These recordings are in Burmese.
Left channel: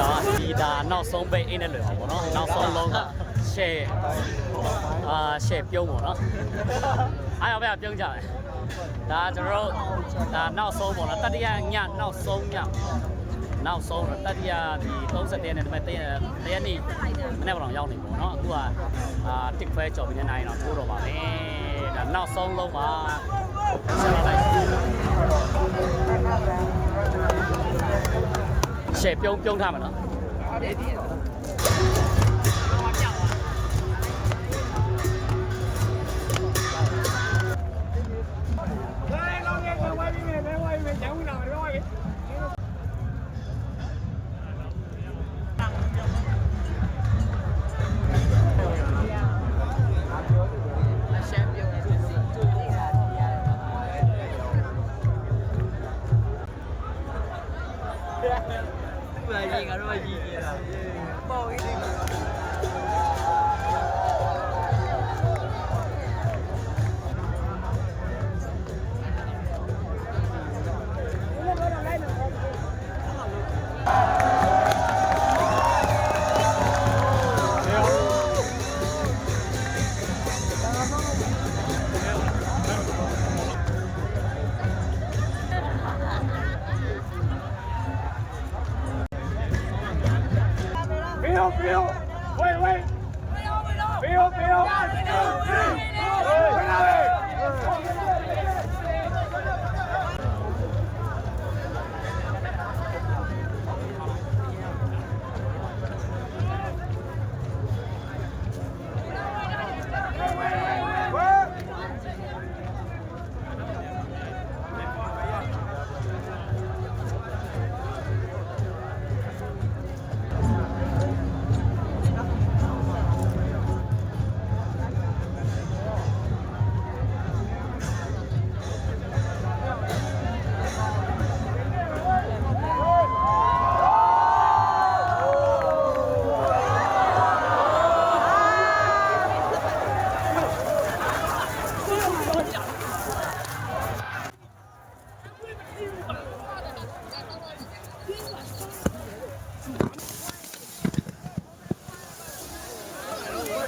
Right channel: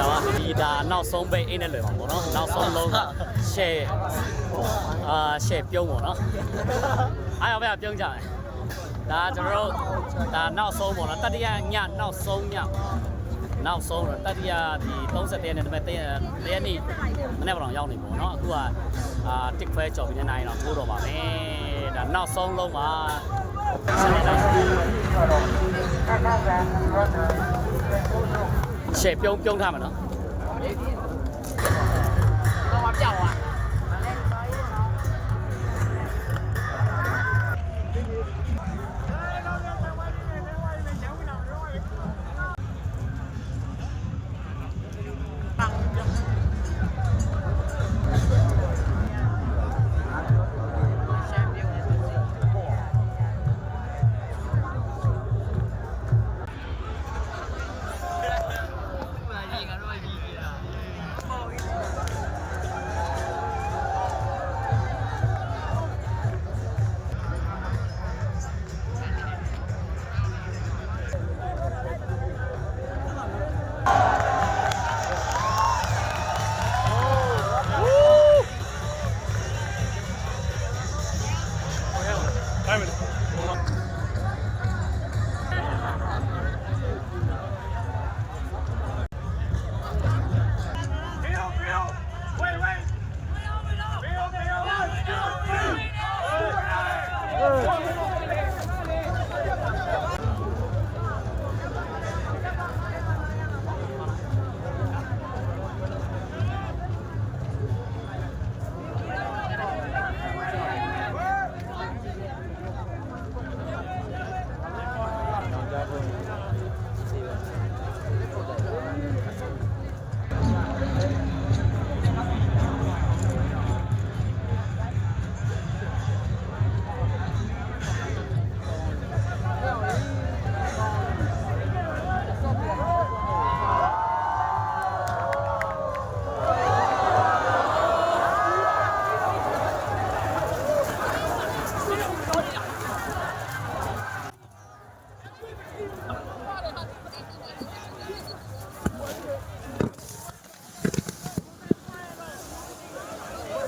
တာပါဒီဒါနောက်ဆုံးပိတ်အိတ်နဲ့လွယ်ပါဗောနော်နောက်ဆုံးလုံးက share အာ share ပြုံးဗောနော်အားရပါပြုံးကြမယ်ဒါကျွန်တော်တို့ဒါနောက်ဆုံးဗောနော်တတိယညနောက်ဆုံးညနောက်ဆုံးတော့တတိယဒီ30ရက်နဲ့ဒါပေမဲ့တရက်တရက်နေ့မနေ့ကတော့ရောက်နေပေါ့နော်အခုကအာတစ်ခွဲကြော်ပြီးတဲ့နိုင်တော့ထိုးတော့ပါမယ်ဒါနောက်ဆုံးလုံးပါဆက်လာလိုက် ရှယ်ပြုံးပြုံးထားမှာနော်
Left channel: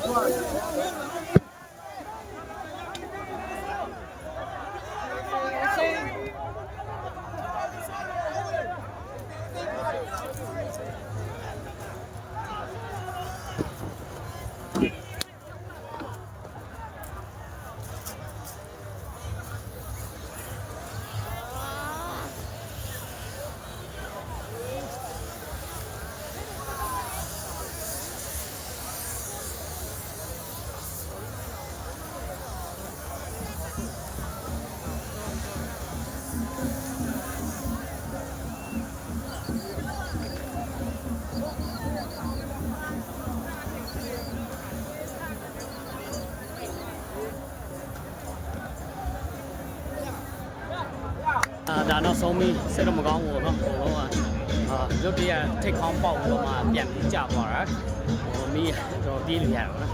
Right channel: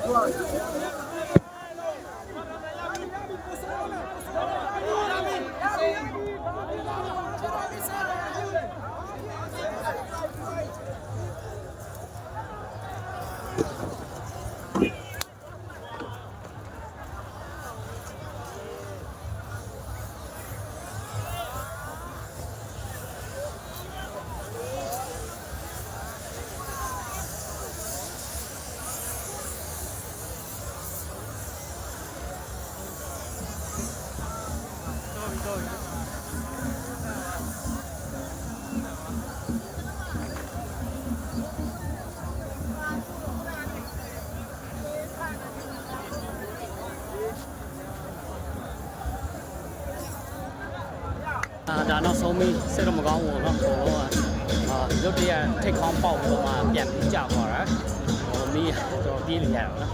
多少 အာဒါနောက်ဆုံးပြီးစိတ်တော့မကောင်းဘူးเนาะဘုံလုံးကအာရုတ်တရက်ထိတ်ခေါင်းပေါက်ပြီးတော့မှပြန်ပြီးကြာသွားတာဟိုမီးတော့ပြေးနေရတာပေါ့နော်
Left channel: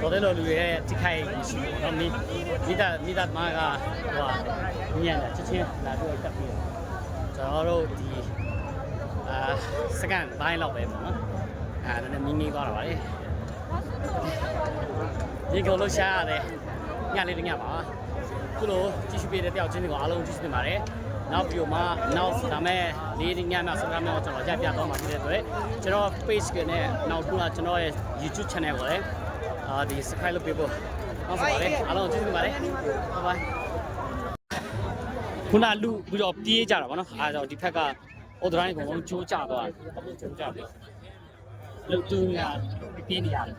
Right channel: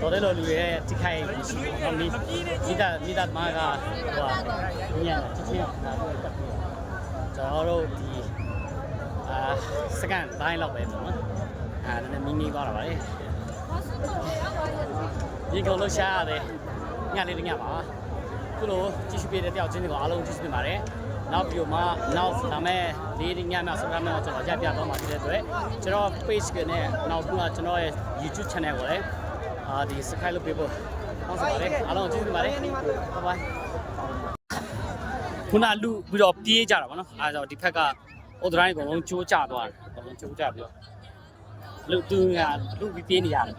တော်တယ်လို့လူရဲ့တိခိုက်မရှိဘူးเนาะမီးမိသားမိသားမားကဟိုဟာညံ့ချက်ချင်းလာတော့ကပ်ပြီးတော့ကျွန်တော်တို့ဒီအာစကန်ပိုင်းလောက်ပဲပေါ့နော်အာနည်းနည်းမီးမီးသွားတာပါလေဒီကောင်လို့ရှားရတယ်ညလေးတညပါ ခုလိုကြည့်ရှုပေးတဲ့တယောက်ချင်းတွေကိုအားလုံးကြည့်ရှုပေးပါတယ်။နောက်ဗီဒီယိုမှာနောက်ဒါမဲ့လေးညမှာဆက်ရမယ်ကျွန်တော်ရပ်ပြသွားမှာဖြစ်တဲ့အတွက်ကျွန်တော် page ကနဲ့နောက်ကကျွန်တော်ရဲ့ YouTube channel ကိုလည်းအာဒီ subscribe လုပ်ပေးဖို့တောင်းဆိုပါတယ်အားလုံးကြည့်ရှုပေးပါတယ် bye bye ခုနလူပြီးတော့ပြေးကြတာဗောနော်အားကြောင့်ဒီဖက်ကအော်ဒရိုင်းအကုန်လုံးကျိုးကျသွားတယ်အကုန်လုံးကျိုးကျပြီးတော့လူသူကလူပြီးပြေးနေရတယ်